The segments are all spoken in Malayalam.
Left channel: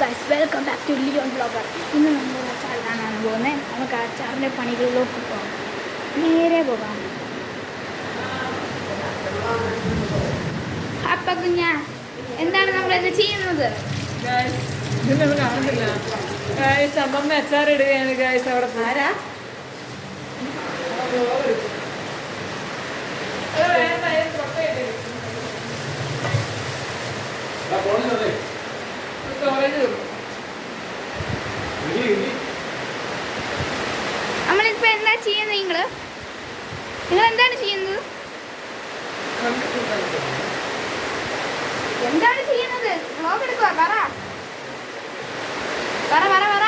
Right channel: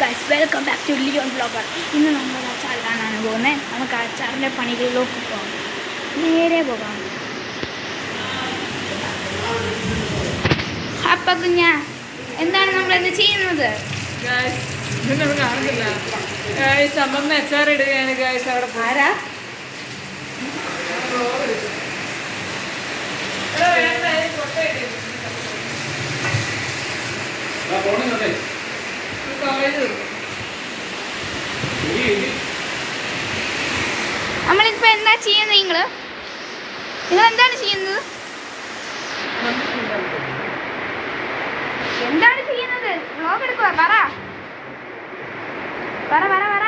Guys welcome back to Leon blogger. ഇന്ന് നമ്മൾ അച്ചാർ കാണാനാണ് പോകുന്നത്. നമുക്ക് അച്ചാറിൻ്റെ പണികളിലേക്ക് പോകാം. നേരെ പോകാം. അപ്പം കുഞ്ഞ എന്താണ് നമ്മളിന്ന് ചെയ്യുന്നത്? കാണുന്നില്ല അമ്മമ്മ അച്ചാർ ഇടുകയാണ് ഗൈസ്. അവിടെ പോരാ നമ്മളിപ്പോ എന്താ ചെയ്യുന്നത്? നിങ്ങൾ എന്താണ് ചെയ്യുന്നത്? എന്താണ് ചെയ്യുന്നത്? വ്ലോഗ് എടുക്കുക. പറ പറ പറ പറ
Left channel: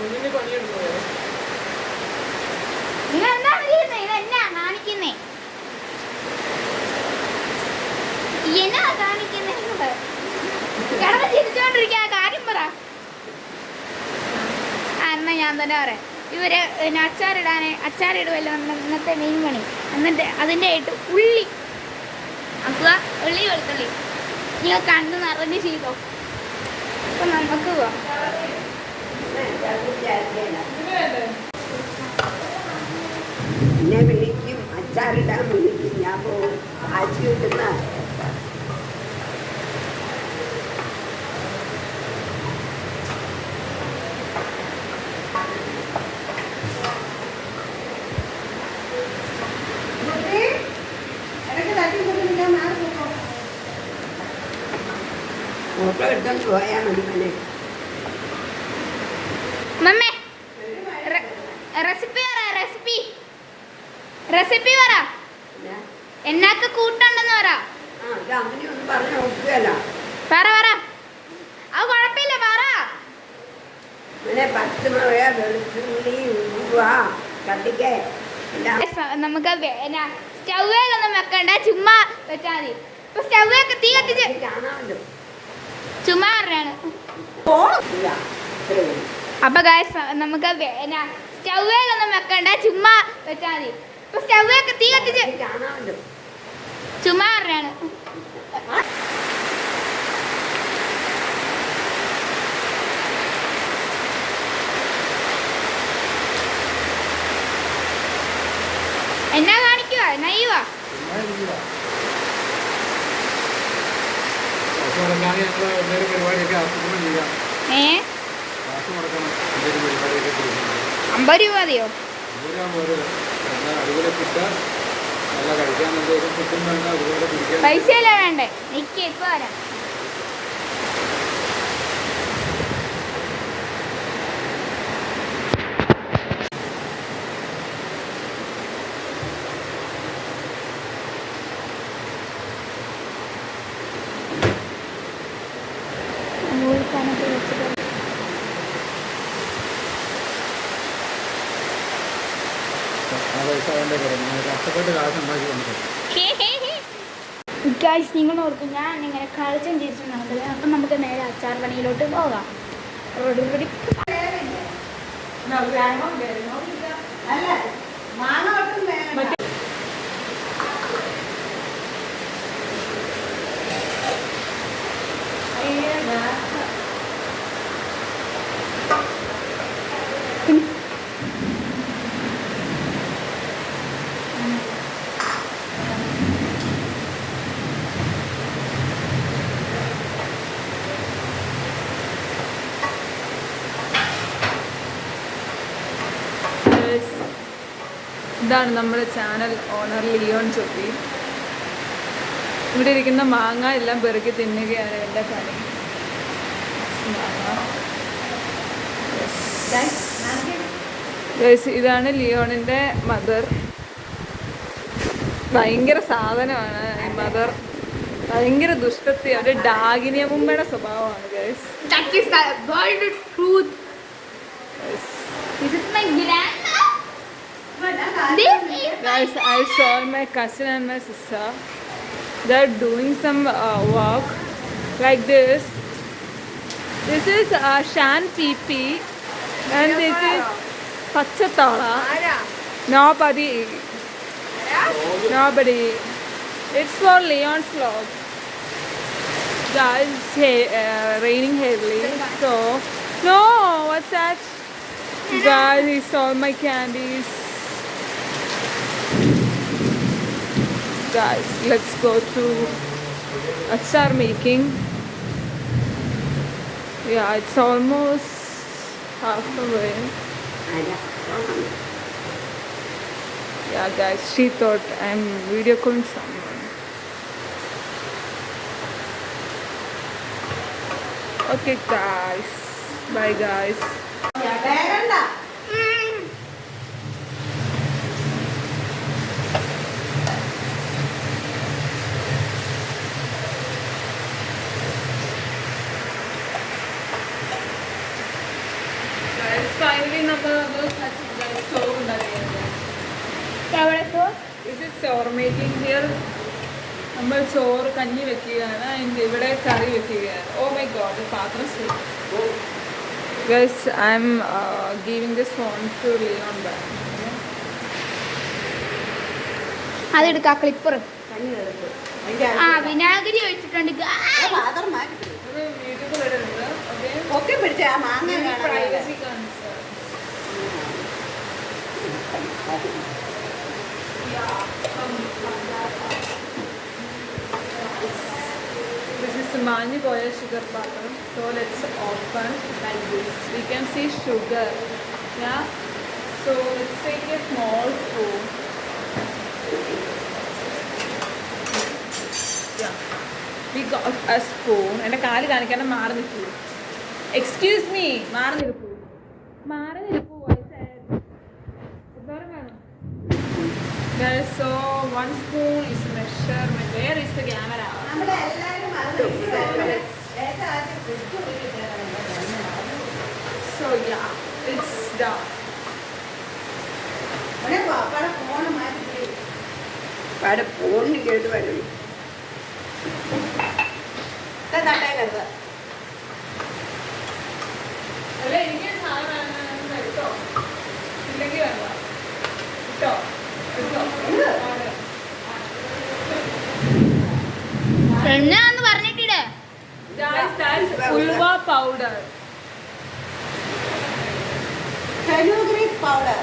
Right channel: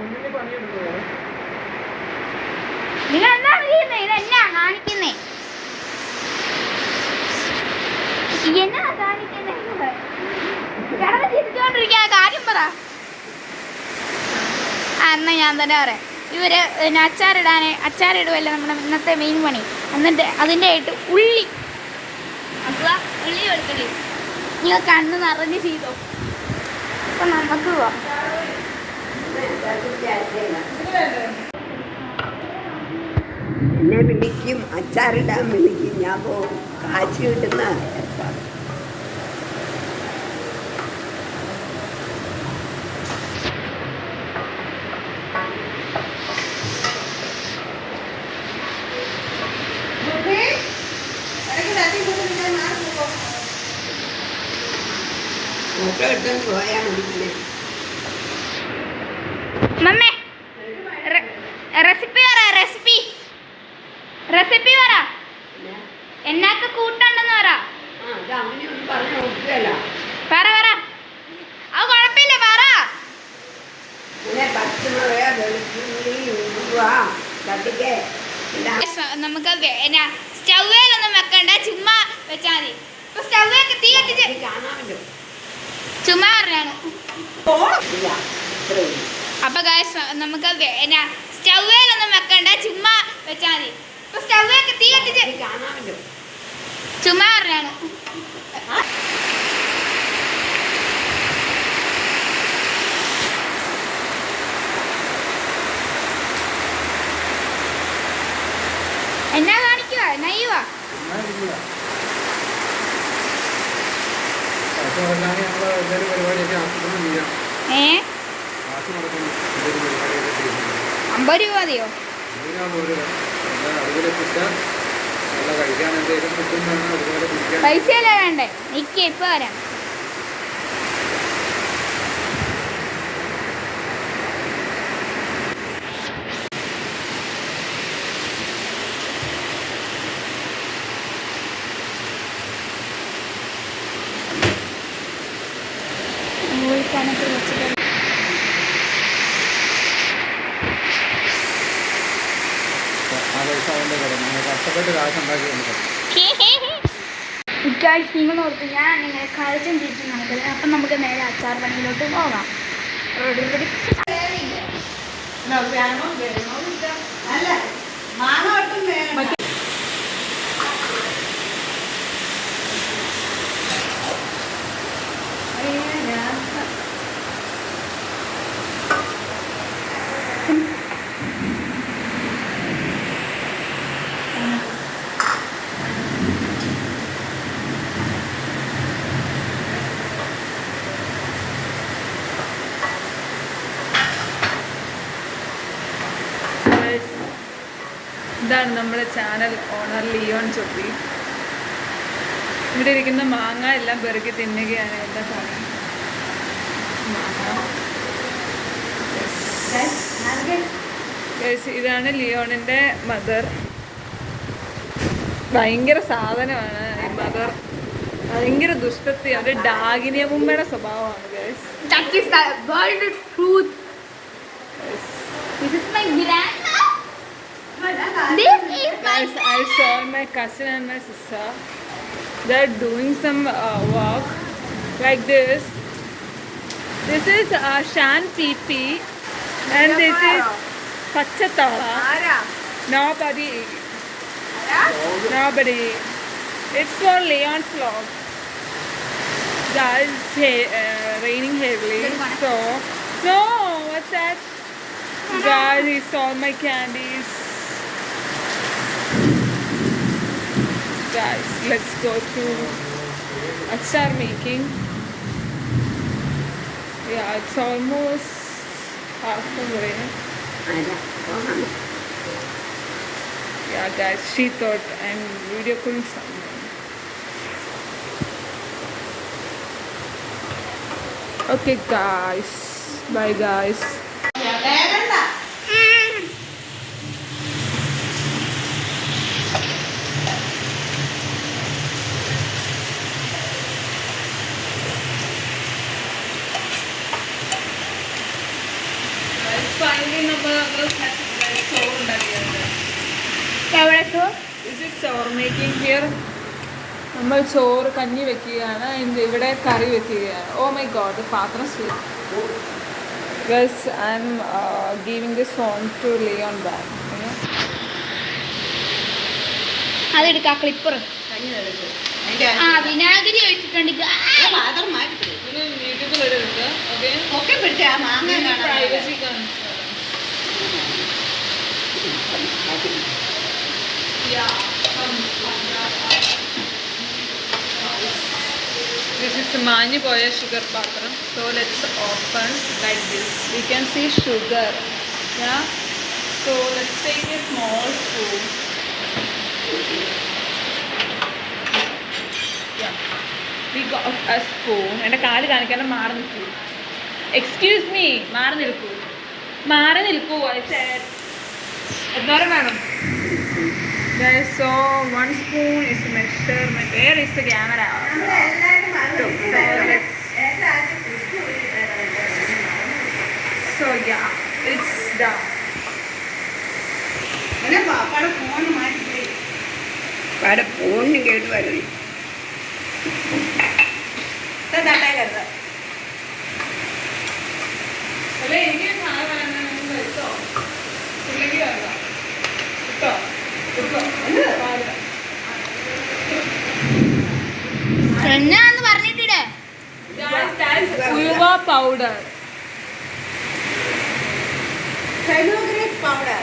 നിങ്ങൾ എന്താണ് ചെയ്യുന്നത്? ഇതെന്നാ കാണിക്കുന്നേ? എന്നാ കാണിക്കുന്നേ? കടന്ന് ചിരിച്ചോണ്ടിരിക്കുക. കാര്യം പറ. എന്നാ ഞാൻ തന്നെ പറയാം. ഇവര് അച്ചാറിടുമല്ലോ നമ്മുടെ ഇന്നത്തെ മെയിൻ പണി. എന്നിട്ട് അതിൻ്റെ ആയിട്ട് ഉള്ളി വെളുത്തുള്ളി നിങ്ങൾ കണ്ണ് നിറഞ്ഞ് ചെയ്തോ. അപ്പൊ നമുക്ക് പോവാം. എന്നെ വിളിക്കും, അച്ചാറിടാൻ വിളിക്കും. ഞാൻ പോകും. കാശ് കിട്ടുന്ന ഫോട്ടോ എടുക്കാൻ പോയാൽ മതി. മമ്മേ റെസിപ്പി പറ. എന്നാക്ക് കൂട്ടുണ്ടെന്ന് പറ. അങ്ങനെയൊന്നും പറഞ്ഞു നോക്കുകയല്ല. പറ അത് കുഴപ്പമില്ല. പറ. പച്ചമുളക്, വെളുത്തുള്ളി, ഉലുവ, കടുക് നമുക്ക് സ്റ്റൗവേലൊന്നും വെക്കണ്ട, ചുമ്മാ വെച്ചാൽ മതി. ഇപ്പൊ സ്റ്റൗവൊക്കെ തീ കത്തിച്ച് കാണാമല്ലോ. ചുമ്മാ പറഞ്ഞാണ്. അപ്പൊ ഗായ്സ് നമുക്ക് സ്റ്റൗവേലൊന്നും വെക്കണ്ട, ചുമ്മാ വെച്ചാൽ മതി. ഇപ്പൊ സ്റ്റൗവൊക്കെ തീ കത്തിച്ച് കാണാമല്ലോ. ചുമ്മാ പറഞ്ഞാണ്. എന്നാ കാണിക്കുക? നയ്യുവാ ഏ 50 രൂപ മതിയോ? പൈസയല്ലേ വേണ്ടേ? നിക്ക് ഇപ്പൊ വരാം. നിങ്ങൾ ഓർത്ത് ഞാൻ നിങ്ങളെ കളിച്ചും തിരിച്ചും നടക്കുന്നത്. അപ്പം നമുക്ക് നേരെ അച്ചാർ പണിയിലോട്ട് പോകാം. ഇതാണ് നമ്മുടെ ചാനൽ ഓണർ ലിയോൺ ചൊപ്പി. ഇവിടെ ഇരിക്കുന്ന മാങ്ങ എല്ലാം പെറുക്കി തിന്നുകയാണ് എൻ്റെ പണി. ഇതാണ് ലിയോണിൻ്റെ മദർ. ഭയങ്കര സാധനമാണ് ഈ മദർ. ഭയങ്കര ദുഷ്ടത്തി. അത് ഡാഗിനിയ മുമ്മയുടെ സ്വഭാവമാണ്. Guys, I saw my cousin and my sister. They're doing some work like this. This is Shan Pipi and this is Pachatala. Nobody. It's for Leon's vlog. Guys, raining heavily. So, no, what's that? Guys, he stole my candies. Guys, let's go to achar making. Yeah, it's almost half the way. Yeah, guys, she thought I'm video calling someone. Okay, guys. Bye, guys. Finally, number എവിടെത്തോ Is it sour making here? നമ്മൾ ചോറ് കഞ്ഞി വെക്കുകയാണ് ഇവിടെ കറി വെക്കുകയാണ്. ഓ മൈ ഗോഡ്, പാത്രം guys I am giving this phone to Leon back. അതെടുക്ക ക്ലിപ്പർ ആ വിനാഗിരി ഒഴിച്ചിട്ടുണ്ട് This is മാഞ്ഞു പോയ sugar patram. So let's open like this. You can see sugar. Yeah. So let's take a small spoon. Yeah. We got a spoon. എൻ്റെ കാല് കാണിക്കാൻ മാറി നിൽക്കൂ. Excuse me. മാറി നിൽക്കൂ. മാറി നിൽക്കൂ. എന്തോരം വേണം? Guys, so 1 spoon is measurement. Where is the camera? So yeah, it's done. ഫോണിന് കേട്ടു വരും. അല്ലേ എനിക്ക് സാധനം വേണമെങ്കിൽ എടുത്തോ, ഇല്ലെങ്കിൽ വേണ്ട കിട്ടോ. എന്നാന്ന് പറഞ്ഞിട്ടിടേ ഉലുവ powder.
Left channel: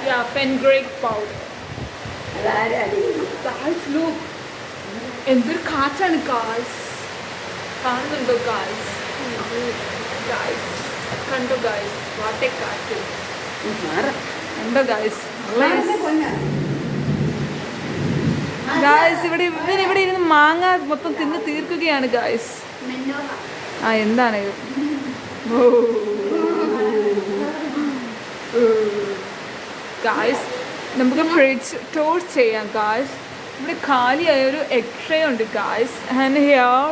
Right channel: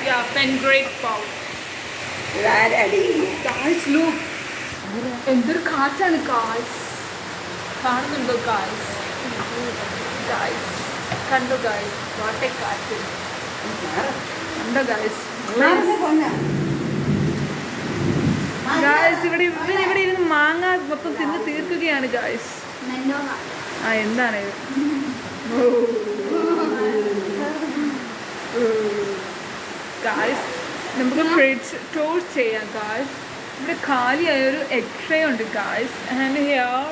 Yeah, fenugreek powder. Guys, look. എന്തൊരു കാറ്റാണ് ഗായ്സ്. കാണുന്നുണ്ടോ ഗായ്സ്? ഗായ്സ് കണ്ടോ ഗായ്സ്? വാട്ടെ കാറ്റ് കണ്ടോ ഗായ്സ്? ഗായ്സ് ഇവിടെ ഇരുന്ന് മാങ്ങ മൊത്തം തിന്ന് തീർക്കുകയാണ് ഗായ്സ്. ആ എന്താണ് ഗായ്സ്? നമുക്ക് ഫ്രിഡ്ജ് ടൂർ ചെയ്യാം ഗായ്സ്. ഇവിടെ കാലിയായ ഒരു എക്സ്ട്രേ ഉണ്ട് ഗായ്സ്. ആൻഡ് ഹിയർ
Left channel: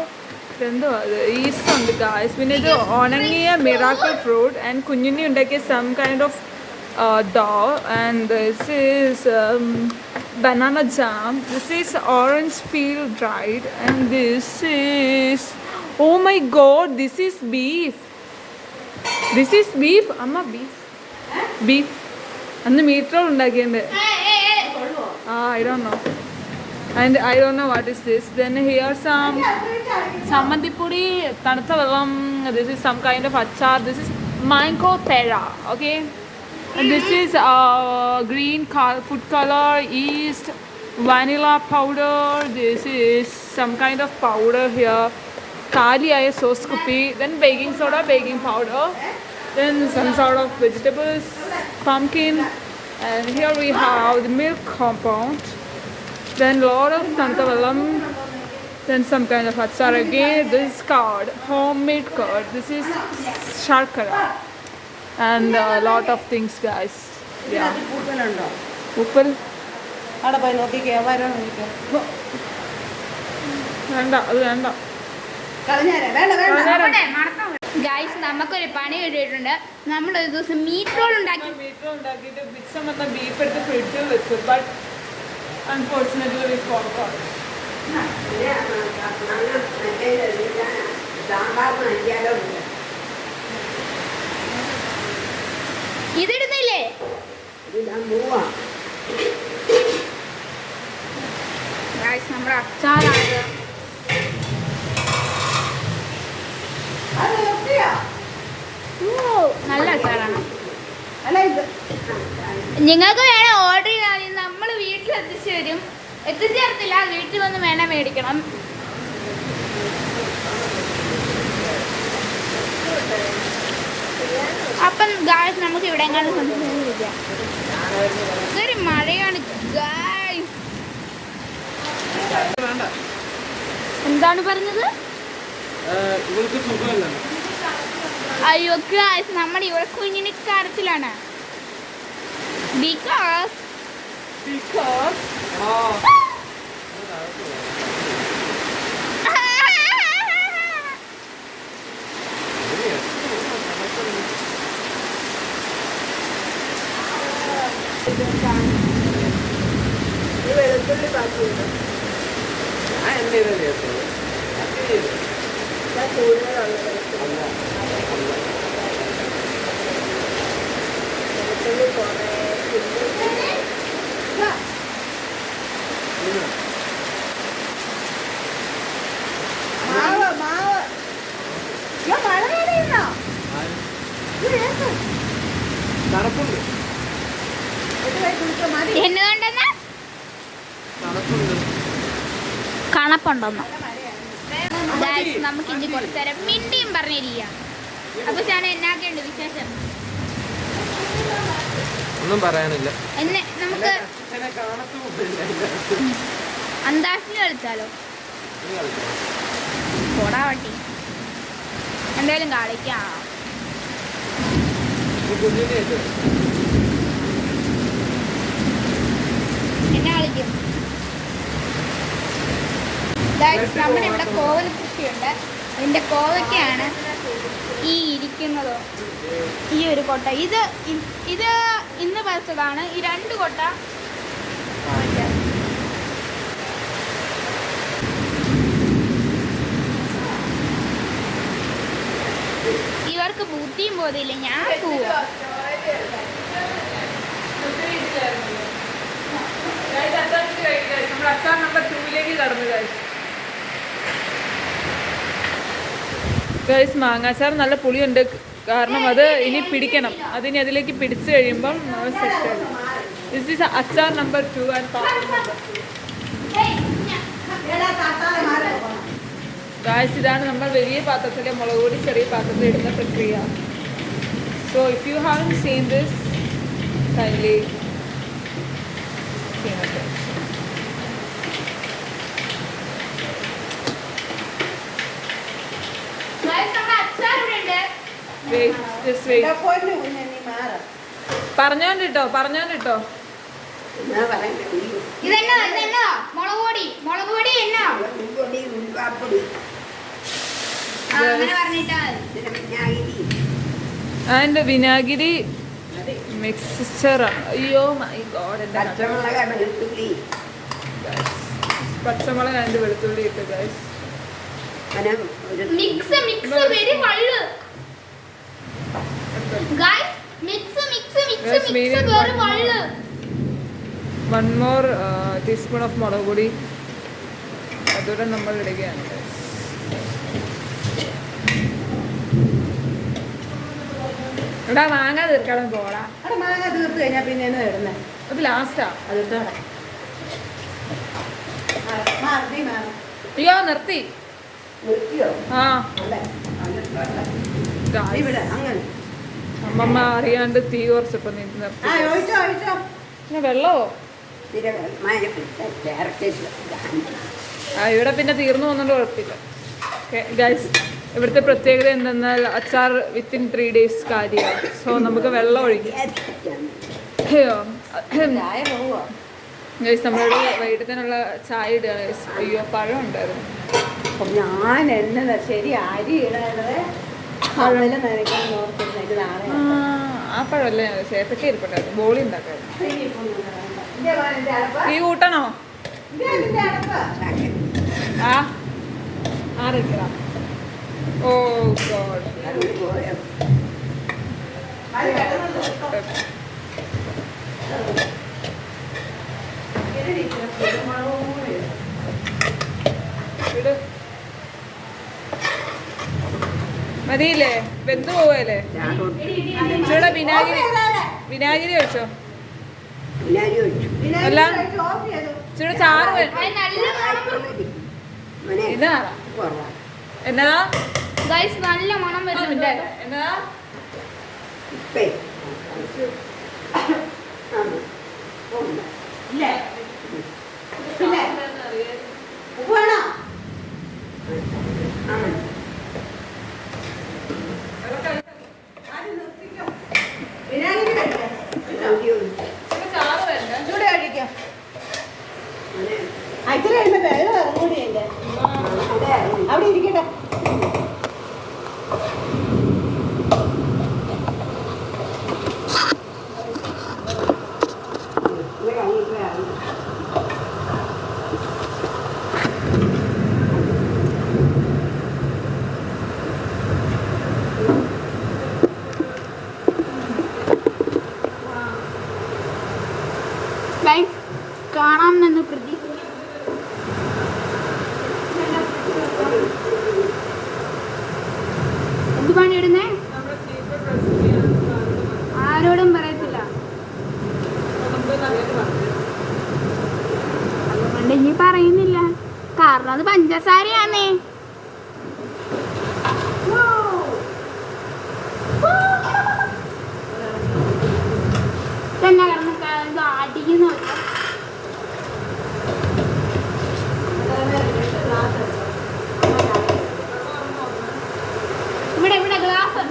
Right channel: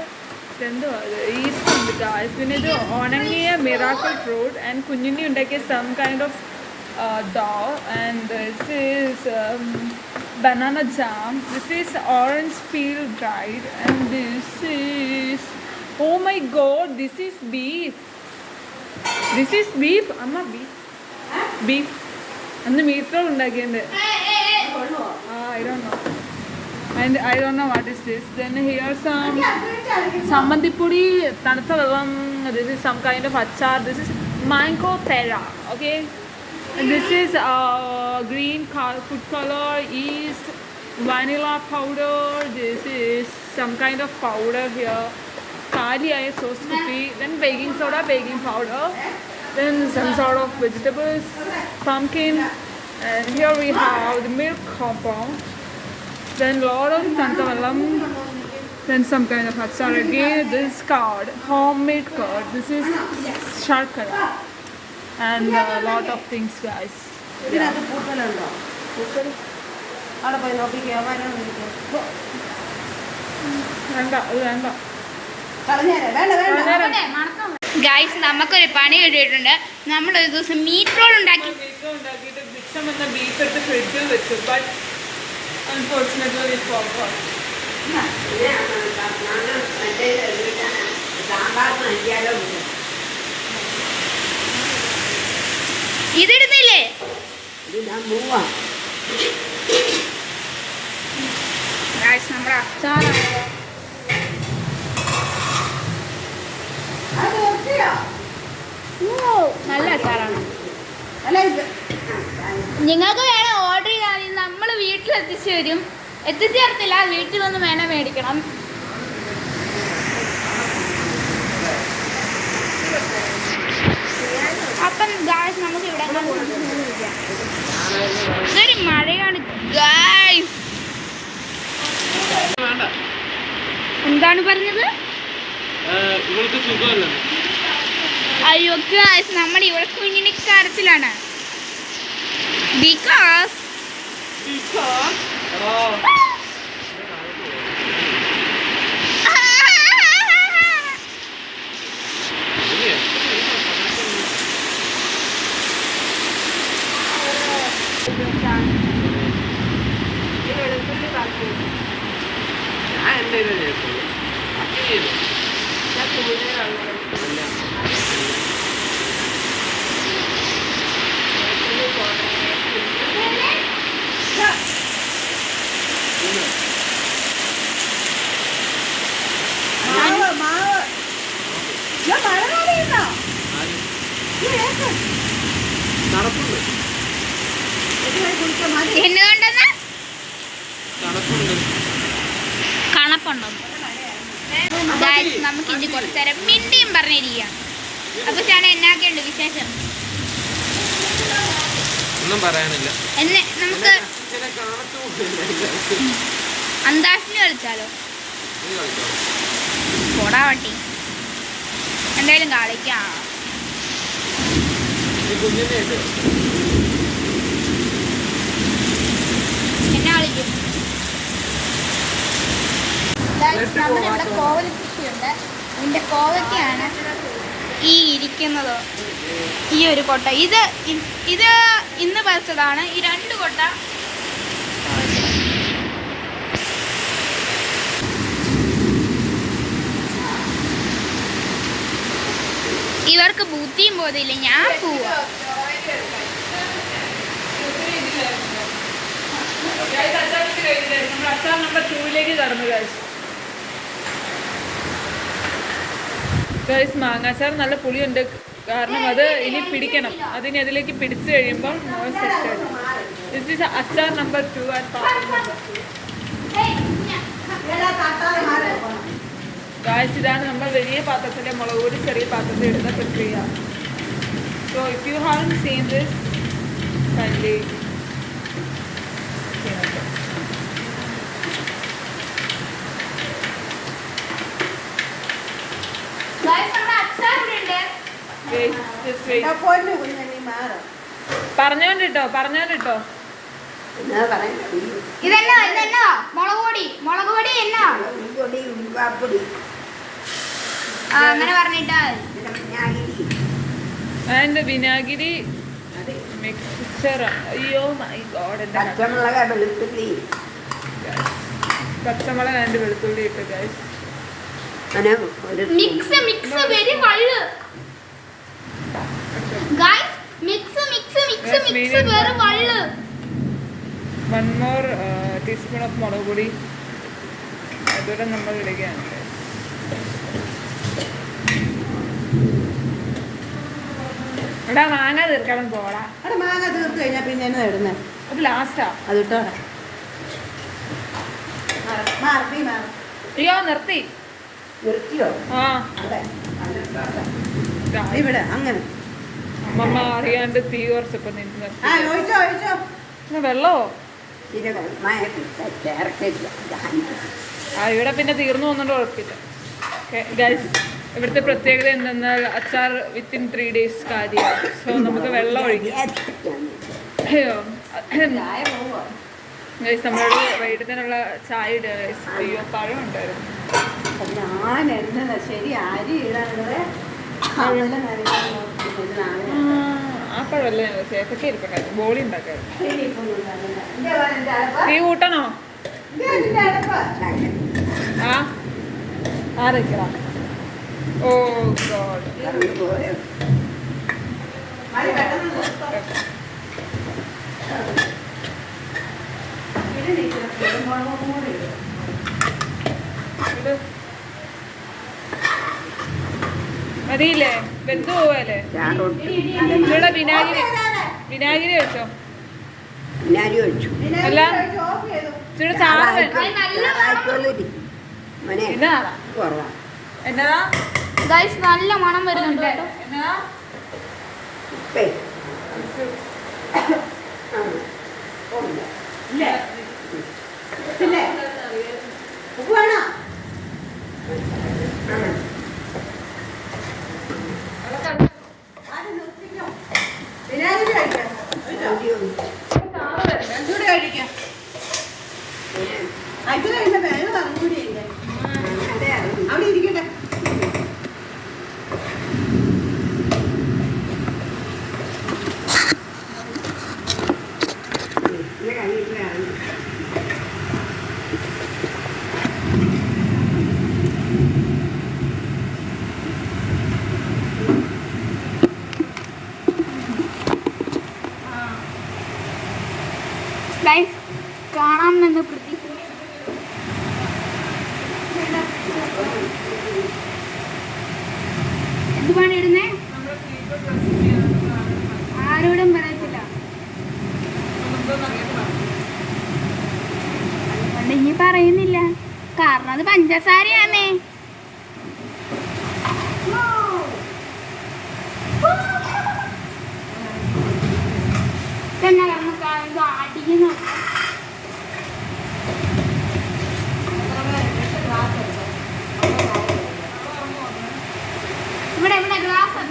എന്തോ അത് ഈസ്റ്റ് ഉണ്ട് ഗായ്സ്. പിന്നെ ഇത് ഉണങ്ങിയ മിറാക്കിൾ ഫ്രൂട്ട് ആൻഡ് കുഞ്ഞിനി ഉണ്ടാക്കിയ some kind of dough, and this is banana jam. This is orange peel dried, and this is, oh my god, this is beef. This is beef. Amma beef and the meat roll undakiyunde. I don't know, and I don't know what is this. Then here some sammandipudi tanutha vellam. This is some kind of achar. This is mango pera, okay. And this is green food color, yeast, vanilla powder. This is some kind of powder here. Kaliaya sauce kupi. Then baking soda, baking powder. Then some sort of vegetables, pumpkin. And here we have the milk compound. Then lot of tantavallam. Then some kind of achar again. This curd, homemade curd. This is sharkara. And a lot of things guys. Yeah. Uppal ada poi nokkiya varan വേണ്ട അത് വേണ്ട ഗായ്സ് നമുക്കൊരു പണി കിട്ടിയിട്ടുണ്ട്. നമ്മൾ ഒരു ദിവസം മീറ്റ് റോൾ ഉണ്ടാക്കിയിട്ട് മിക്സം എന്ന ബീഫ് എടുത്ത് ഫ്രിഡ്ജിൽ വെച്ചു. But unfortunately we forgot. ഇതിടുന്നില്ലേ? ഗായ്സ് നമ്മുടെ അച്ചാറാണ്. നല്ല അച്ചാറാണ്. അല്ല ഇത് നിങ്ങൾക്ക് വേണം ഓർഡർ ചെയ്താൽ മതി, നമ്മൾ വീട്ടിൽ എത്തിച്ചു തരും. എത്തിച്ചേർത്തില്ല, വീട്ടിൽ വന്ന് വേണം മേടിക്കണം. അപ്പം ഗായ്സ് നമുക്ക് ഇവിടെ ഇതൊരു മഴയാണ് ഗായ്സ്. എന്താണ് പറഞ്ഞത്? അയ്യോ ഗായ്സ്, നമ്മൾ ഇവിടെ കുഞ്ഞിനിക്കാരത്തിലാണ്. ബിക്കോസ് ഞാൻ എൻ്റെ എന്നതുകൊണ്ടെന്ന് തണുപ്പുണ്ട്. കണപ്പുണ്ടെന്നോ? ഗായ്സ് നമുക്ക് ഇനി കുറച്ചു നേരം മിണ്ടിയും പറഞ്ഞിരിക്കുകയാണ്. അപ്പൊ ഞാൻ എന്നാക്കെയുണ്ട് വിശേഷം? ഒന്നും പറയാനില്ല. എന്നെ നമുക്ക് അന്താസിന് കളിച്ചാലോ? പോടാ വട്ടി, എന്തായാലും കളിക്കാം. എന്നെ കളിക്കും. നമ്മുടെ ഇവിടെ കോവൽ കൃഷിയുണ്ട്. അതിൻ്റെ കോവയ്ക്കാണ് ഈ ഇരിക്കുന്നത്. ഈ ഒരു കൊട്ട ഇത് ഇന്ന് പറിച്ചതാണ്. ഈ 2 കൊട്ട ഇവർക്ക് ബുദ്ധിയും പോതില്ല. ഞാൻ പോവാ. നമ്മൾ അച്ചാർ നമ്പർ 2 കടന്നു ഗൈസ്. മാങ്ങാച്ചാർ നല്ല പുളിയുണ്ട്, കാരണം അത് ഇനി പിടിക്കണം. അതിനി അതിലേക്ക് പിടിച്ചു കഴിയുമ്പം ദിസ് ഈസ് അച്ചാർ നമ്പർ 2 ആൻഡ് പാപ്പർ നമ്പർ 2. ഗൈസ്, ഇതാണ് നമ്മൾ വലിയ പാത്രത്തിലെ മുളക് പൊടി ചെറിയ പാത്രത്തിൽ ഇടുന്ന പ്രക്രിയ. So if you haven't seen this kindly പറഞ്ഞോണ്ടിട്ടോ. എന്നാ പറയുന്നത്? ഇതെന്നാ മുളക് പൊടി എന്നാ ഉരുവാപ്പൊടി, അങ്ങനെ പറഞ്ഞിട്ടാ ആൻഡ് വിനാഗിരി മിക്സ്ചർ. അയ്യോ മൈ ഗോഡ്, എൻ്റെ പച്ചമുളകാണ്, വെളുത്തുള്ളി, പച്ചമുളക് ആൻഡ് വെളുത്തുള്ളി ഇട്ട് ഗൈസ്. അങ്ങനെ ഒരു mix very well guys. Mix very well. 1 more teaspoon of മുളക് പൊടി അതോടെ നമ്മൾ ഇടുകയാണ്. എടാ മാങ്ങ തീർക്കണം പോടാ. മാങ്ങ തീർത്ത് കഴിഞ്ഞാൽ പിന്നെ എന്നാ ഇടുന്നത്? അത് ലാസ്റ്റാ. അതിട്ടോട്ടെ. അയ്യോ നിർത്തി. നിർത്തിയോ? ആ ഇവിടെ അങ്ങനെ അമ്മമ്മ അറിയാണ്ട് തീ കുറച്ചപ്പോ നിന്ന് നിർത്തി. പിന്നെ വെള്ളമോ? ഇവിടെ പിന്നെ തീർന്നു പോകുന്നുണ്ട്, കുഴപ്പമില്ല. ഗൈസ്, ഇവിടുത്തെ പ്രത്യേകത എന്തെന്നാൽ അച്ചാർ വിത്തിൻ 3 days കാര്യമാണ്. സോ നമുക്ക് വെള്ളം ഒഴിക്കാം. അയ്യോ ഗൈസ്, നമ്മളിവിടെ വൈകിട്ടത്തിനുള്ള ചായ ഇടുക ഗൈസ്. അയ്യോ പഴം ഉണ്ടായിരുന്നു. ഞാൻ എന്നതാ ശരി അരി ഇടാതെ ആ പഴമല്ലേ സേഫറ്റി ഇരിപ്പുണ്ടായിരുന്നു. ബോളി ഉണ്ടാക്കായിരുന്നു. തീ കൂട്ടണോ? ആരൊക്കെയാ? ഓ ഗോഡ്. മതിയില്ലേ? വെന്ത് പോവല്ലേ? ചാറൊട്ടി ഇച്ചിരി വിനാഗിരി ഒഴിച്ചോ. വിനാരി ഒഴിച്ചു. അല്ല ഇച്ചിരി ചാറ് അത് നല്ല മണം മോനെ എന്നാ കുറവാ. എന്നാ ഗൈസ് നല്ല മണം വരുന്നുണ്ട് കേട്ടോ. എന്നാ ഉപ്പേ ഉണ്ട്. ഇല്ലേ? ഇല്ലേ? ഉപ്പ് വേണോ? ആ മതി. വിനാഗിരി ഒഴിക്കാം. വിനാഗിരി ഒഴിച്ചു. ഇതൂടെ കഴിക്കാം. മോനെ അച്ഛനെ എന്റെ വെള്ളം ഇറങ്ങൂടിയല്ലേ അതെ അവിടെ ഇരിക്കട്ടെ. ഇത് കഴിഞ്ഞിട്ട് വേണം. ഗൈസ് കാണാമെന്ന് പ്രതീക്ഷിക്കുന്നു. എന്ത് പണി ഇടുന്നേ? ആരോടും പറയത്തില്ല. അതുകൊണ്ട് ഇനി പറയുന്നില്ല, കാരണം അത് പഞ്ചസാരയാന്നേ. ഇതെന്നാ കാരണം അടിക്കുന്നു. ഇവിടെ ഇവിടെ ഗ്ലാസ്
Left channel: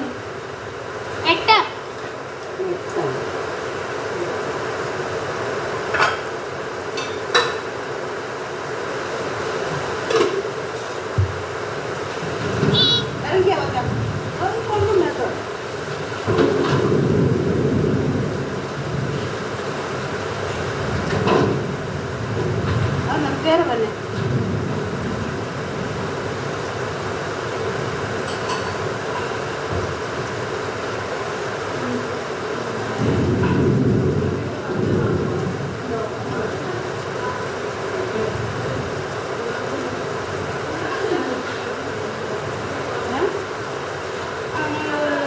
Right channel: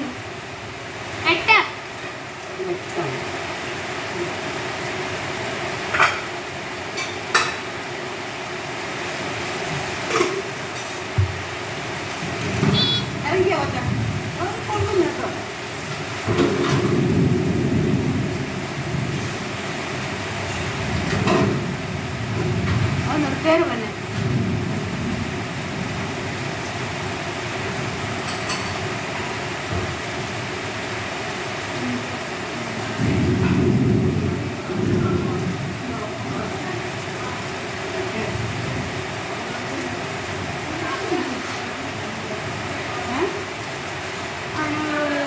8. ഇറങ്ങിയാ മച്ചാ. അത് കൊള്ളും കേട്ടോ. അത് നിർത്തേറെ തന്നെ.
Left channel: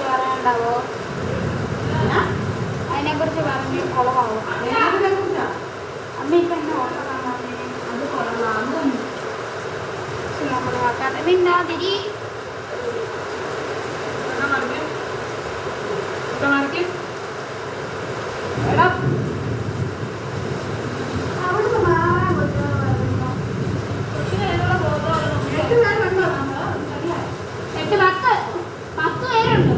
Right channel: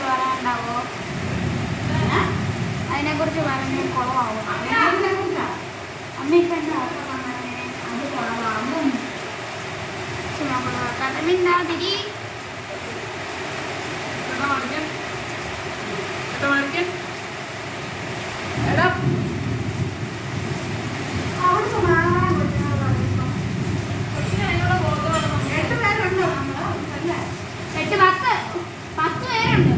പറയാനുണ്ടാവോ? അതിനെക്കുറിച്ച് പറഞ്ഞ് കുളമാവോ? അമ്മ ഇപ്പം എന്നെ ഓർക്കാൻ പറഞ്ഞേ അത് കുളമാകും. നമ്മൾ കടമില്ലാതിരി എടാ അവിടുന്ന് മാറാൻ പറ്റുമോ? എട്ട് പേരുണ്ടോ നമ്മള്? അല്ല. 8 10 പേരുണ്ട്.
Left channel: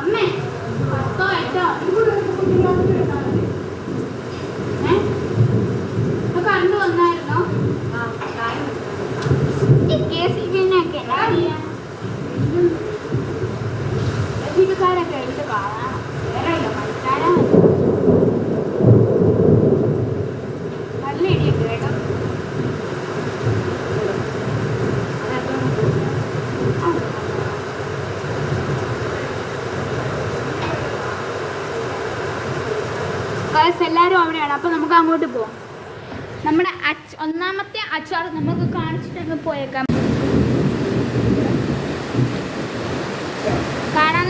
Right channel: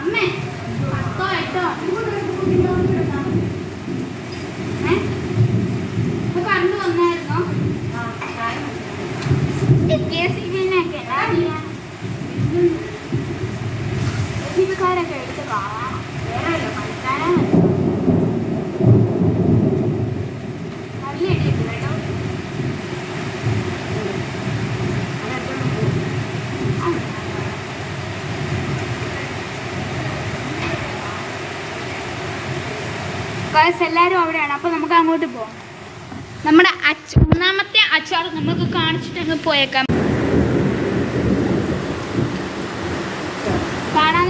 അമ്മേ 10 8 കണ്ടു വന്നായിരുന്നോ? KCB-നെയൊക്കെ ജീവിക്കാരൊക്കെ എടുത്ത് കാണണം. വേറെ ഇല്ല പണിക്കാരാണ്. നല്ല ഇടിയുണ്ട് കേട്ടോ. എല്ലാവരും അവിടെയാണ്. അപ്പോൾ നമുക്ക് അങ്ങോട്ട് പോകാം. നമ്മുടെ ഒന്നാമത്തെ അച്ചാർ നമ്മൾക്ക് കാണിച്ചിട്ട് അങ്ങ് പോയേക്കാം. കാണാൻ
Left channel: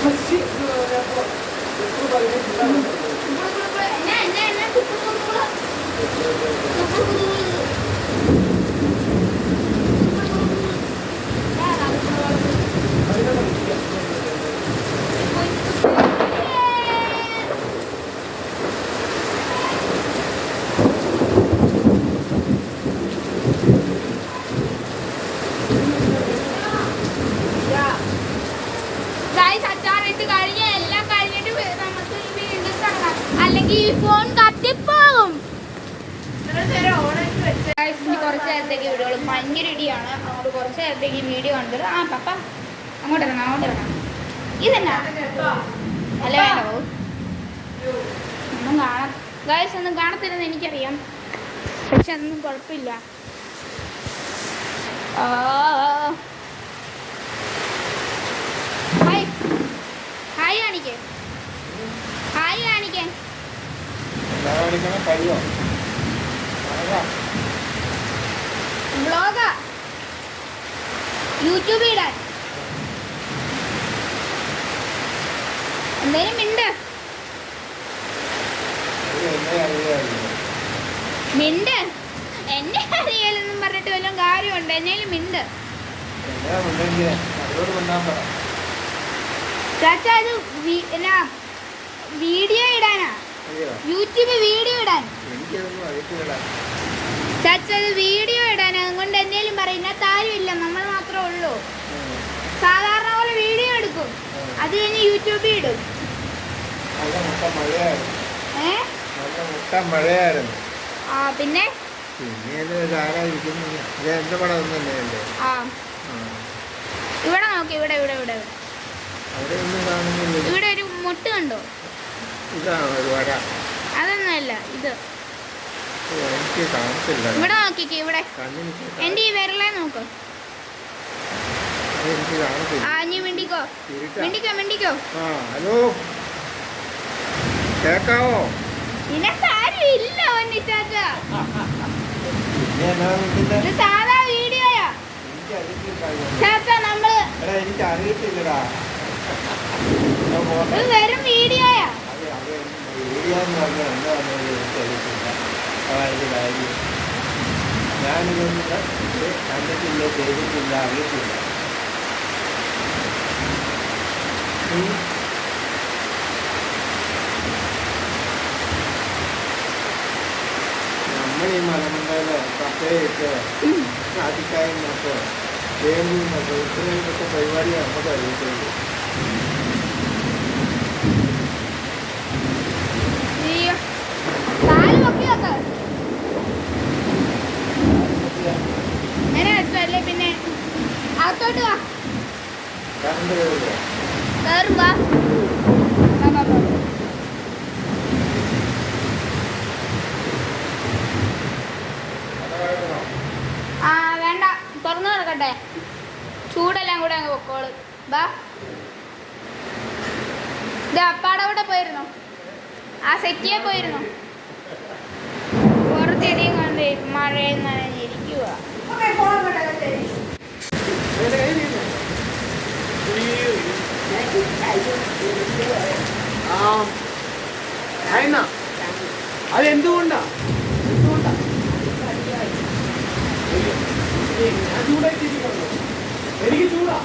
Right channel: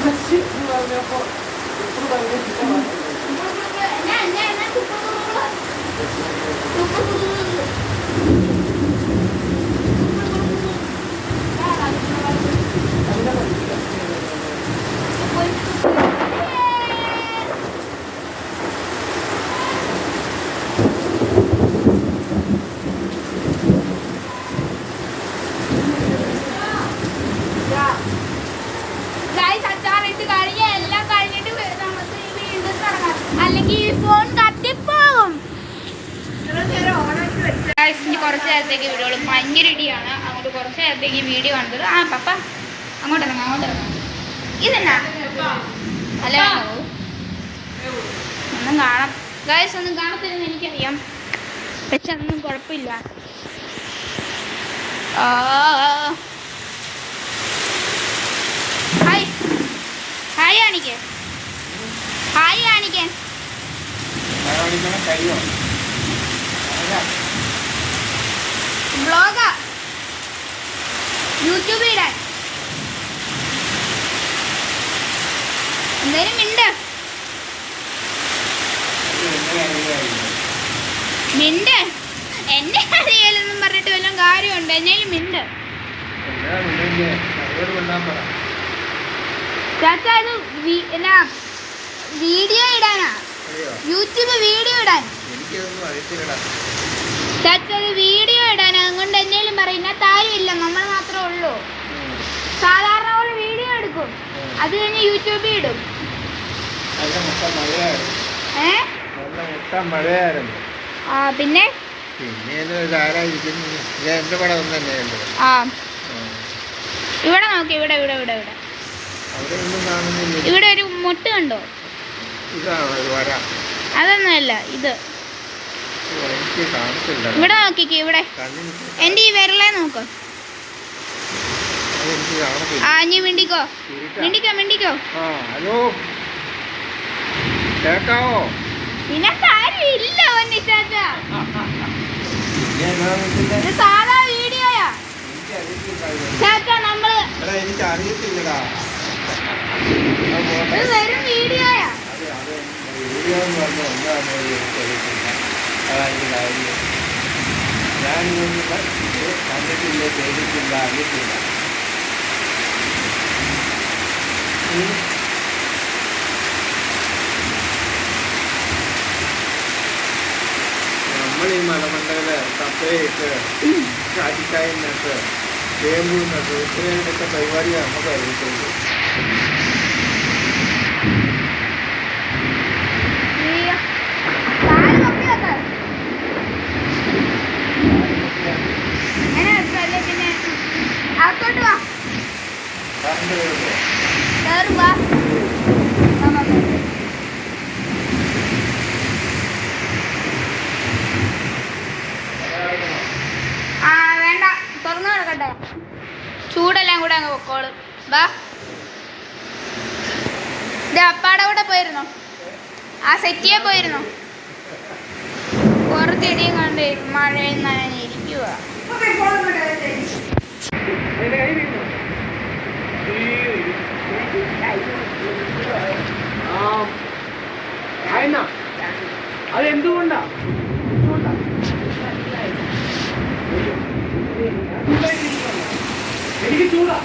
അമ്മച്ചി എന്ന് പറഞ്ഞപ്പോ ഇപ്പൊ പറയുന്നത് അല്ലെങ്കിൽ ഫോൺ കത്തിപ്പോകും. ഇനി കുറച്ച് നേരത്തേക്ക് വീഡിയോ ഭയങ്കര ഇടിയാണ്. അങ്ങോട്ട് കുറച്ച് നേരത്തേക്ക് വീഡിയോ കണ്ടത്. ആ പപ്പ അങ്ങോട്ട് ഇറങ്ങാം. ഇതെന്നാ അല്ല വേണ്ടോ ഒന്നും കാണാം. ഗൈസ് ഒന്നും കാണത്തില്ലെന്ന് എനിക്കറിയാം, പക്ഷെ അതൊന്നും കുഴപ്പമില്ല. ഹായ് കാണിക്കേ. വ്ളോഗാ യൂട്യൂബിൽ ഇടാൻ എന്തേലും മിണ്ട് എന്നെ അറിയാലെന്നും പറഞ്ഞിട്ട് വല്ലതും കാര്യമുണ്ട്. എന്നേലും മിണ്ട് ചാച്ചാ. ഇത് എന്നാ വീഡിയോ ഇടാനാ, യൂട്യൂബ് വീഡിയോ ഇടാൻ. ചാച്ചാ ഇത് വീഡിയോ ഇടാനാ, അതുകൊണ്ട് എന്നേലും പറയില്ല. താരമില്ല, നമ്മൾ മാത്രമേ ഉള്ളൂ. സാധാരണ പോലെ വീഡിയോ എടുക്കും, അത് കഴിഞ്ഞ് യൂട്യൂബിൽ ഇടും. മഴയായിരുന്നു. പിന്നെ എന്റെ പടം ഒന്നും തന്നെയല്ലേ. ആ ഇവിടെ നോക്കി, ഇവിടെ ഇവിടെ ഇവിടെ ഇവിടെ അവിടെ ഒന്നും കാണുന്നില്ല. ഇവിടെ ഒരു മുട്ട് കണ്ടോ? ഇതാണോ ഒരു വര? അതൊന്നുമല്ല, ഇത് എനിക്ക് കാണത്തില്ല. ഇവിടെ നോക്കിക്ക്, ഇവിടെ എന്റെ ഈ വിരലെ നോക്ക്. അതെനിക്ക് കാണത്തില്ല. ആ നീ മിണ്ടിക്കോ. ആ ഹലോ കേക്കാവോ? നിനക്കാരും ഇല്ല ഒന്നിച്ചാച്ച. പിന്നെ ഇത് സാധാ വീഡിയോയാ ചാച്ചാ. നമ്മള് എനിക്ക് അറിയത്തില്ലടാ. ഇത് വെറും വീഡിയോയാ. വീഡിയോ എന്ന് പറഞ്ഞാൽ എന്താണെന്ന് എനിക്കറിയത്തില്ല. അതായത് കാര്യം ഞാനിതൊന്നും കണ്ടിട്ടില്ല, ചെയ്തിട്ടില്ല, അറിയത്തില്ല. നമ്മൾ ഈ മലമണ്ടയില് കപ്പയിട്ട് കാറ്റിക്കായി നട്ട് ചേമ്പ് നട്ട് ഇത്രയൊക്കെ പരിപാടിയാണ് നമുക്ക് അറിയത്തുള്ളൂ. അകത്തോട്ട് വാ. കറണ്ട് വരുമോ? കേറി വാ. ആ വേണ്ട, തുറന്നു കിടക്കട്ടെ. ചൂടെല്ലാം കൂടെ അങ്ങ് പൊക്കോളും. വാ. ഇത് അപ്പാടെ കൂടെ പോയിരുന്നോ? ആ സെറ്റിയെ പോയിരുന്നോ? പുറത്തിടിയും കണ്ട് മഴയിൽ നനഞ്ഞിരിക്കുക. അതെന്തുകൊണ്ടാ? എനിക്ക് ചൂടാ.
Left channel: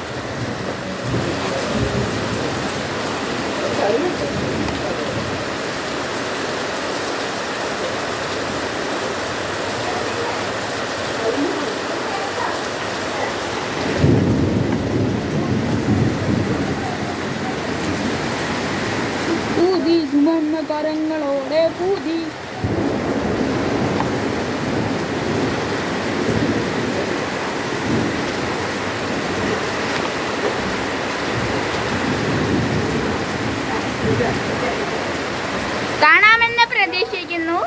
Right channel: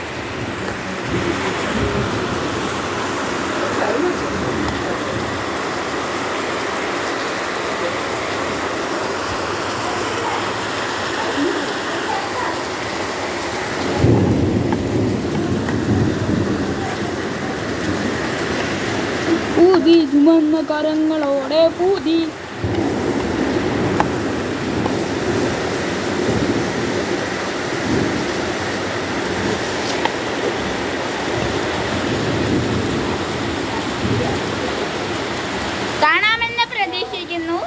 പൂതി ചുമന്ന കരങ്ങളോടെ പൂതി. കാണാമെന്ന് പ്രതീക്ഷിക്കുന്നു.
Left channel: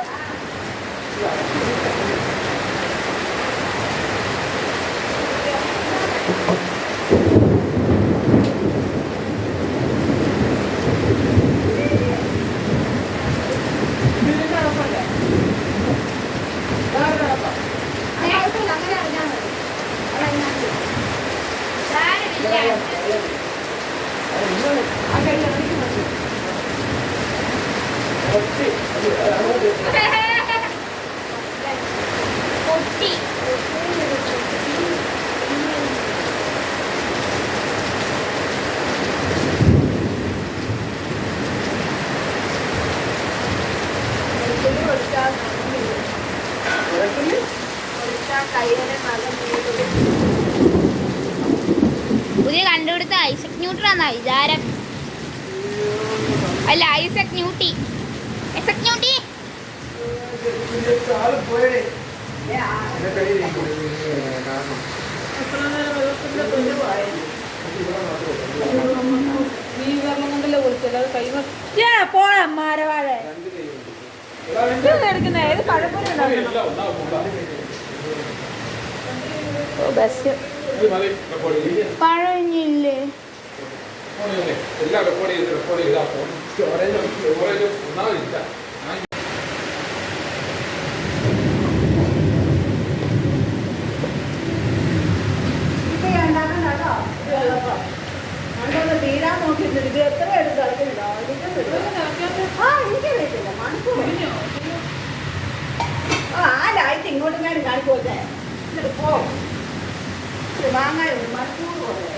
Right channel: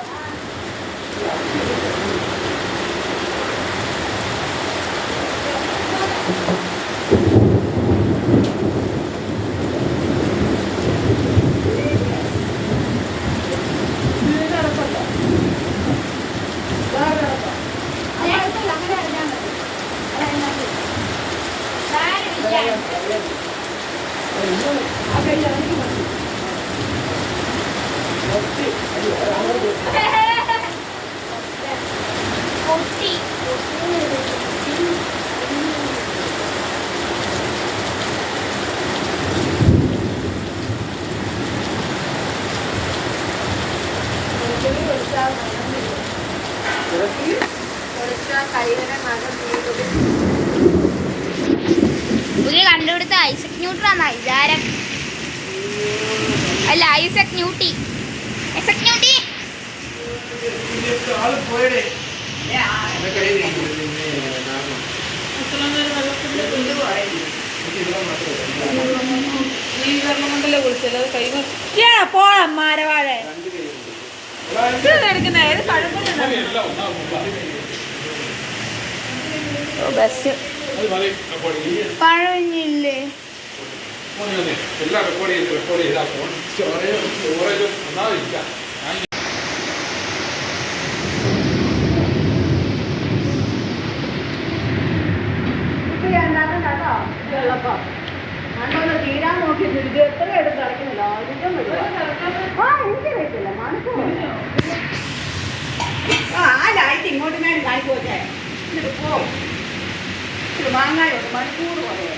പൊട്ടി. പുതിയ കണ്ടുപിടുത്ത ഐസക് ന്യൂട്ടനാന്ന വിചാരം. അല്ല, ഐസക് ന്യൂട്ടി. ഐസക് ന്യൂട്ടി. ആള് പോയടേ എന്റെ കയ്യിൽ കാരണം അത്ര നേരം വെള്ളത്തിന്റെ ഇവിടെ മാത്രമല്ല ഈ വെള്ളം കൊണ്ടല്ലേ കുളിച്ചല്ലോ. അത് കൈമ പോളാ മാരവാഴ രണ്ട് കൈയുണ്ട് എടുക്കുന്ന ഏത് കഴമ്പുണ്ട്. ബസ് പഴഞ്ഞില്ലേ? എല്ലാം റെക്കോർഡ് ചെയ്താ സ്റ്റോറേജ് ഒന്നാവില്ല. തീരാൻ നോക്കിയിട്ട് ഇത് എത്ര എടുത്ത് കളിക്കുന്നില്ല. ആദ്യം എനിക്ക് കഴിച്ചില്ല. മണിക്കൂർ ആ ലൈറ്റ് ഇങ്ങോട്ട് ഞാൻ കാണിക്കോട്ടെ. ഇത് വാങ്ങാനുണ്ട്. മണിക്കൂർ പറയാം.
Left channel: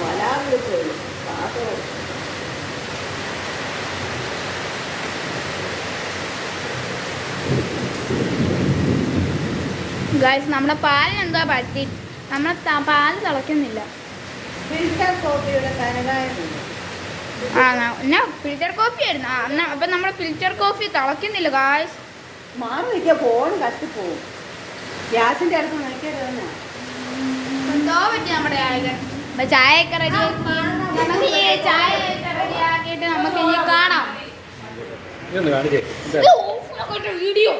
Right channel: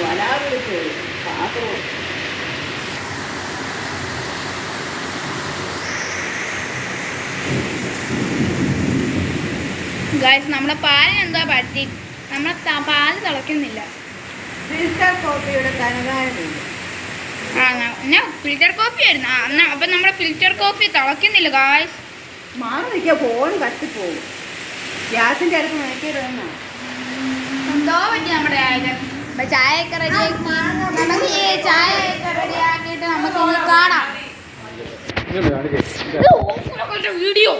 വരാറിൽ പോയി കാത്തോ. ഗായ്സ്, നമ്മുടെ പാലിന് എന്താ പറ്റി? നമ്മളെ പാല് തിളയ്ക്കുന്നില്ല. ഫിൽറ്റർ കോഫിയുടെ തനതായിട്ടുണ്ട്. ഞാൻ ഫിൽറ്റർ കോഫി ആയിരുന്നു. അപ്പൊ നമ്മുടെ ഫിൽറ്റർ കോഫി തിളയ്ക്കുന്നില്ല ഗായ്സ്. മാറി നിൽക്കുക, ഫോൺ കത്തിപ്പോവും. ഗ്യാസിന്റെ അടുത്ത് നോക്കിയത് തന്നെ. എന്തോ പറ്റി നമ്മുടെ അപ്പൊ ചായയൊക്കെ റെഡിയാക്കി നമുക്ക് ഈ ചായയൊക്കെ റെഡിയാക്കിയിട്ട് നമുക്ക് ഇനി കാണാം. വീഡിയോ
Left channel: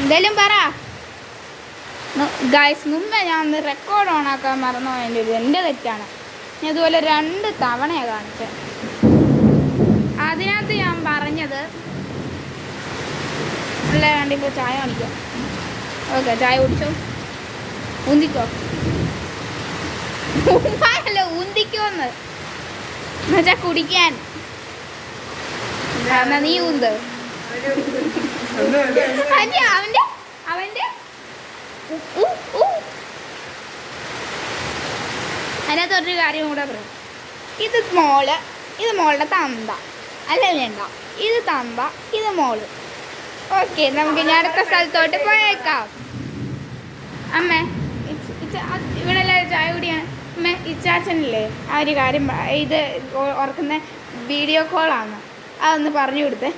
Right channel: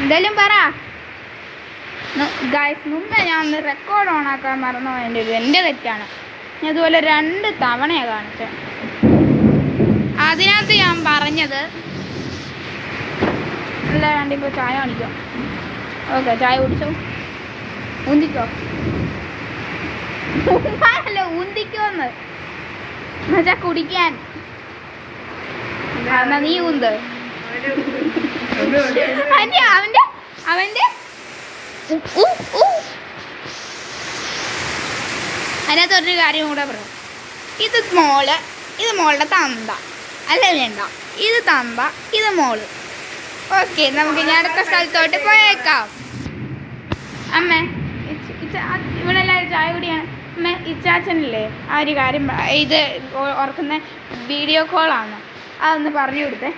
എന്തായാലും പറ ഗായ്സ്. മുമ്പേ ഞാൻ ഒന്ന് റെക്കോർഡ് ഓണാക്കാൻ മറന്നു പോയതിൻ്റെ ഒരു എൻ്റെ തെറ്റാണ്. ഞാൻ ഇതുപോലെ 2 തവണയാണ് കാണിച്ചത്. അതിനകത്ത് ഞാൻ പറഞ്ഞത് അല്ല, കണ്ടിപ്പോൾ ചായ കാണിക്കാം. ഓക്കെ, ചായ കുടിച്ചോ. ഊന്തിക്കോ. ഊമ്പാനല്ലോ, ഊന്തിക്കോന്ന് മച്ചാ കുടിക്കാൻ. എന്നാ നീ ഊന്ത്. അവന്റെ അതിനകത്തൊരു കാര്യം കൂടെ പറയാം. ഇത് മോളുടെ തന്ത അല്ല, വേണ്ട, ഇത് തന്ത, ഇത് മോള്. ഓക്കെ, നമുക്ക് ഇനി അടുത്ത സ്ഥലത്തോട്ട് പോയേക്കാം. അമ്മേ, ഇവിടെ എല്ലാവരും ചായ കുടിയാണ്. അമ്മേ, ഇച്ചാച്ചനല്ലേ ആ ഒരു കാര്യം ഇത് ഓർക്കുന്ന വീഡിയോ കോളാണ്, അതൊന്ന് പറഞ്ഞു കൊടുത്തേ.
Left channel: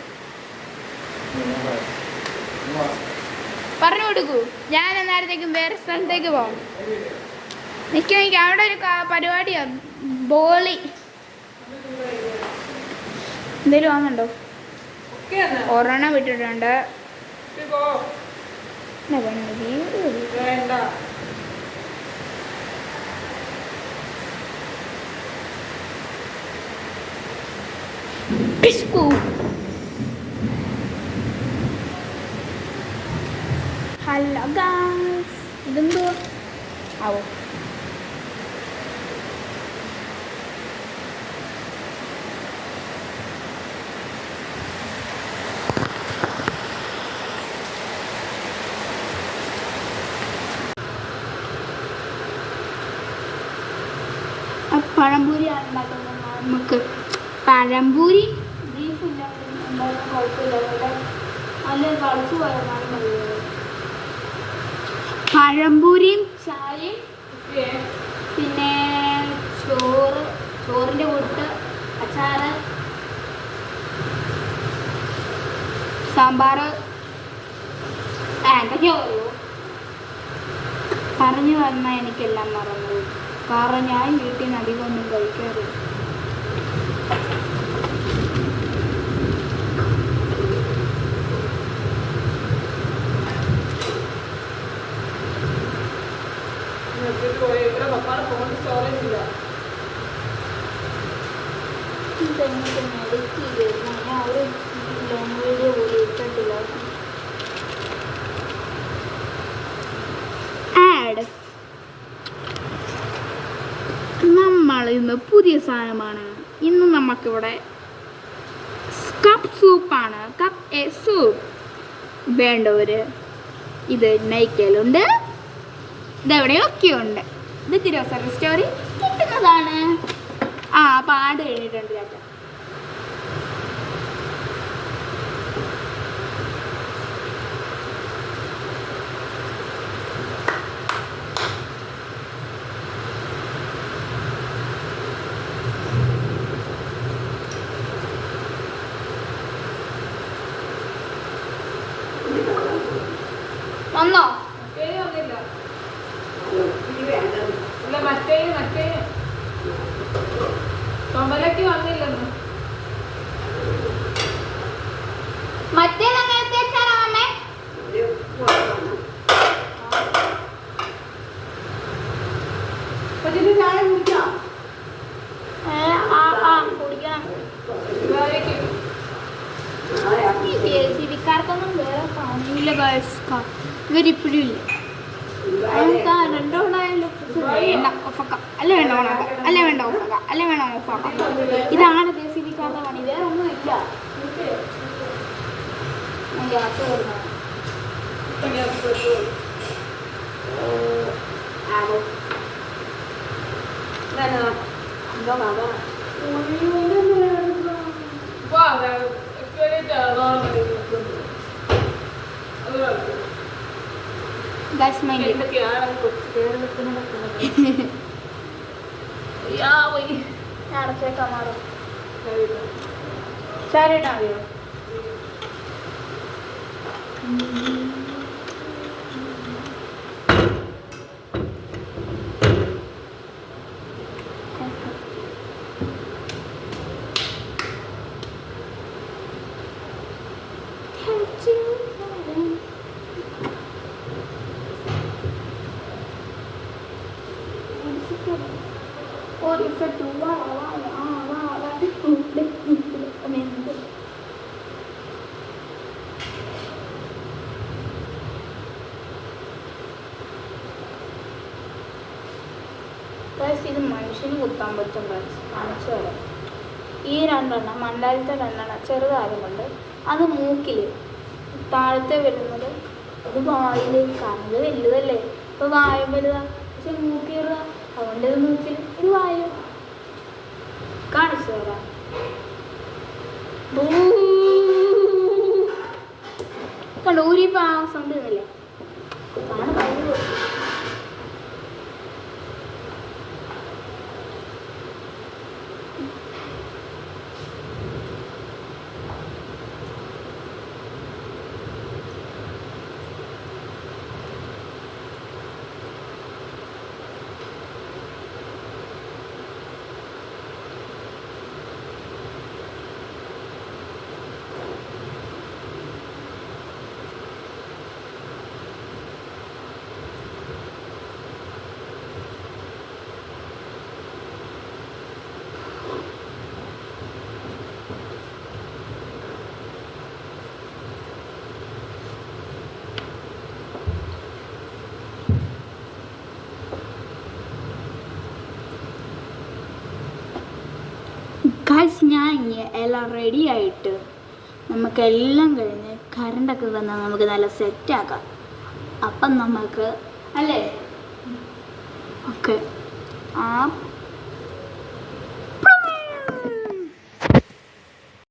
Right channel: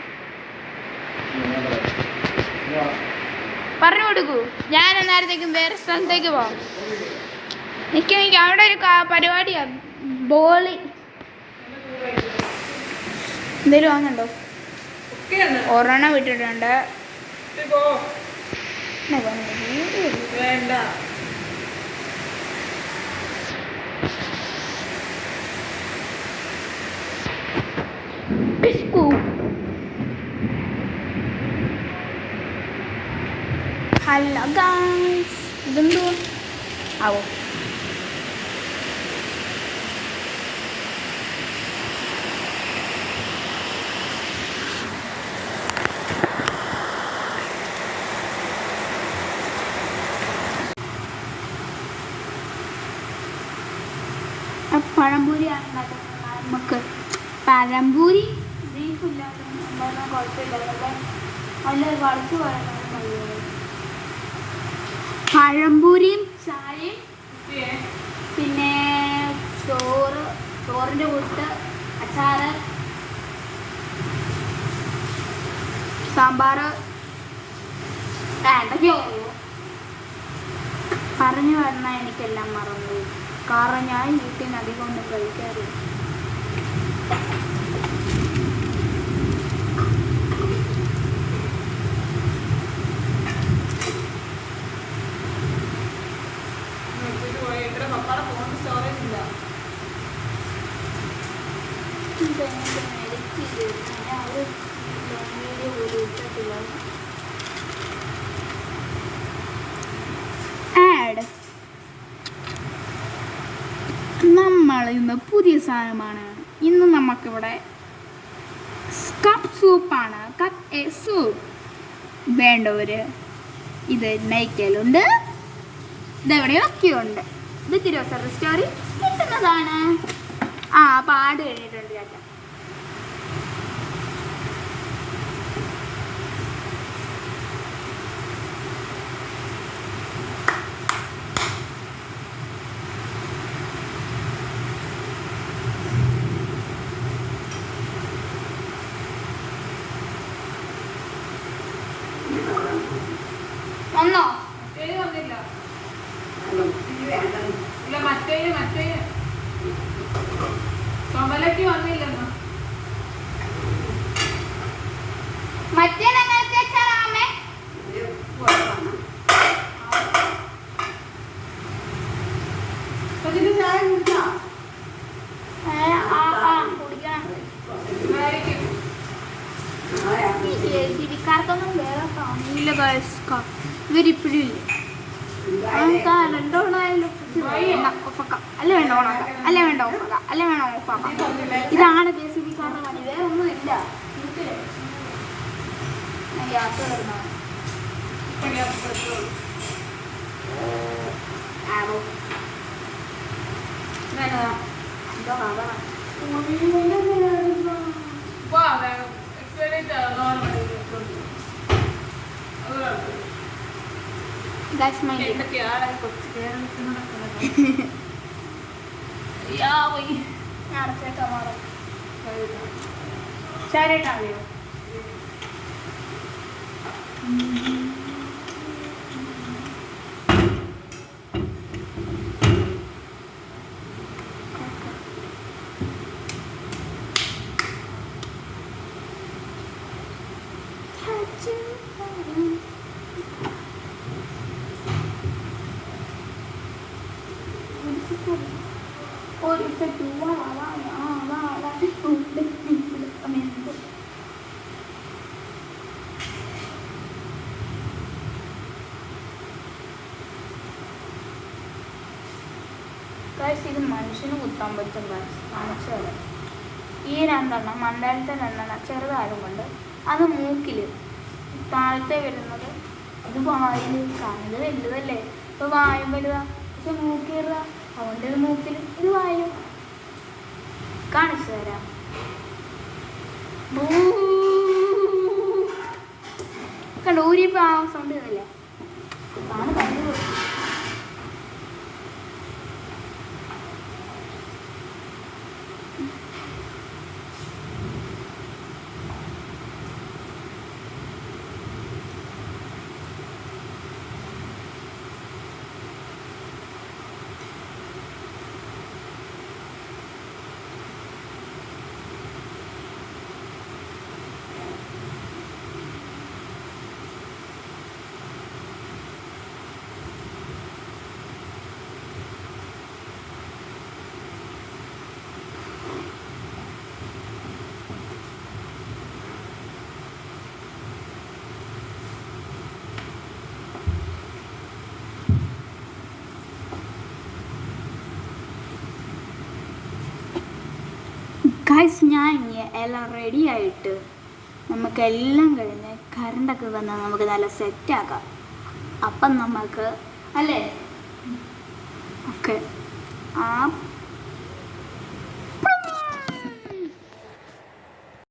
പറഞ്ഞു കൊടുക്കൂ. ഞാൻ അന്നേരത്തേക്കും വേറെ സ്ഥലത്തേക്ക് പോകാം. എനിക്ക് അവിടെ ഒരു പരിപാടിയാണ്, ബോളി. എന്തേലും ആകുന്നുണ്ടോ? ഒരെണ്ണം വിട്ടിട്ടുണ്ട്. വേണ്ട. ഹലോ ഗായ്സ്, ഇതെന്തോ ആവോ? പഴംപൂരിയാണ് ഉണ്ടാക്കുന്നത്. നമുക്ക് പഴംപൂരി ബീഫില്ലാതെ ഉണ്ടാക്കാൻ കുഴപ്പമില്ല. നല്ല കളിച്ചു പോയാലും മതി. പഴംപൂരിയും ചായയും പിന്നെ ചോറിൻ്റെ കൂട്ട് അച്ചാറ്, സാമ്പാർ, എന്തൊക്കെയോ പറഞ്ഞു വന്നാൽ എനിക്കെല്ലാം മറന്നു. കാരണം ഞാൻ വീട്ടിൽ നിന്ന് അധികം ഒന്നും കഴിക്കാറില്ല. ഇന്ന് പുതിയ സാധനമാണ്. ഇന്ന് നമുക്കിവിടെ കപ്പ് സൂപ്പാണ്. കപ്പ് എ സൂപ്പ് വേണ്ടവർ ഇത് നയിക്കലുണ്ട്, ഇതെവിടെയൊക്കെ ഉണ്ട്. ഇത് തിരുവനന്തപുരം സ്റ്റോറി കിട്ടുന്നതാണ്. പാട് കഴിഞ്ഞിട്ടുണ്ട് ചേട്ടാ. വന്നോ? മറ്റേന് വന്നില്ല. ഇനി വേണ്ടത് ഇല്ല, മറ്റേന് ചുമലക്ക് വന്നില്ലെന്ന്. മറ്റേത് അങ്ങനത്തെ വെച്ചാലോ അമ്മേ? ഒരു ഉപ്പ് അപ്പൊ ഇത് ചായ കുടിക്കാം. കുടിക്കാം. ഇതായിരിക്കും. ഈ JCB-ക്കാർക്കൊന്നും വേറെ കാണില്ല ഗൈസ്. ഇവരിപ്പോഴും ഇല്ല. രണ്ടോണായാലും വേണ്ട ഓഫാക്കാം, അല്ല വേണ്ട ഓണാക്കാം, അല്ല വേണ്ട ഓഫാക്കാം, അല്ല വേണ്ട ഓഫാക്കാം. ഇതാണ് JCB-ക്കാരുടെ പണി, വേറെ ഒന്നും ഇല്ല. ഗ്യാസ് വരുന്നതാണ്. ഇപ്പൊ എക്സ്പെരിമെന്റ് ആവാൻ ഗൈസ് മൈൻഡ് എന്തൊക്കെയാണ് കൊച്ചു കേരളത്തിൽ നടക്കുന്നത്? ഞാൻ അടച്ചേക്കാം. ശരിട്ടാ അറിയോ? ഇത് മനുഷ്യന് കുത്താൻ പറ്റും. കാണിച്ചു തരാം. ഈ രണ്ടെണ്ണം മണ്ടാലത്തെ രണ്ടെണ്ണം ചെറുതായതുകൊണ്ട് അത് മൂക്കിൽ, താഴത്തെ വരുന്നത് ഇത് വായിൽ. കാരണം ഇത് വലുതല്ലേ, ഇപ്പൊ വായും വലുതാ, പക്ഷെ മൂക്കിടുക. അതുകൊണ്ട് ഇത് മൂക്കിൽ, ഇത് വായിലും. കാണിച്ചു തരാം. കണ്ടോ, ഊരിപ്പോ ആ സൗണ്ട് ചെയ്യുന്നില്ല. അതാണ് കഴിവ്. ഗൈസ്, ഞാൻ എല്ലാം റെഡി ആയിട്ട് നമുക്കെല്ലാം കഴിഞ്ഞ് കറണ്ടൊക്കെ വന്നാൽ നമുക്ക് നല്ല സെറ്റാക്കാം. അപ്പം നമുക്ക് അല്ലേ ഓക്കെ ആ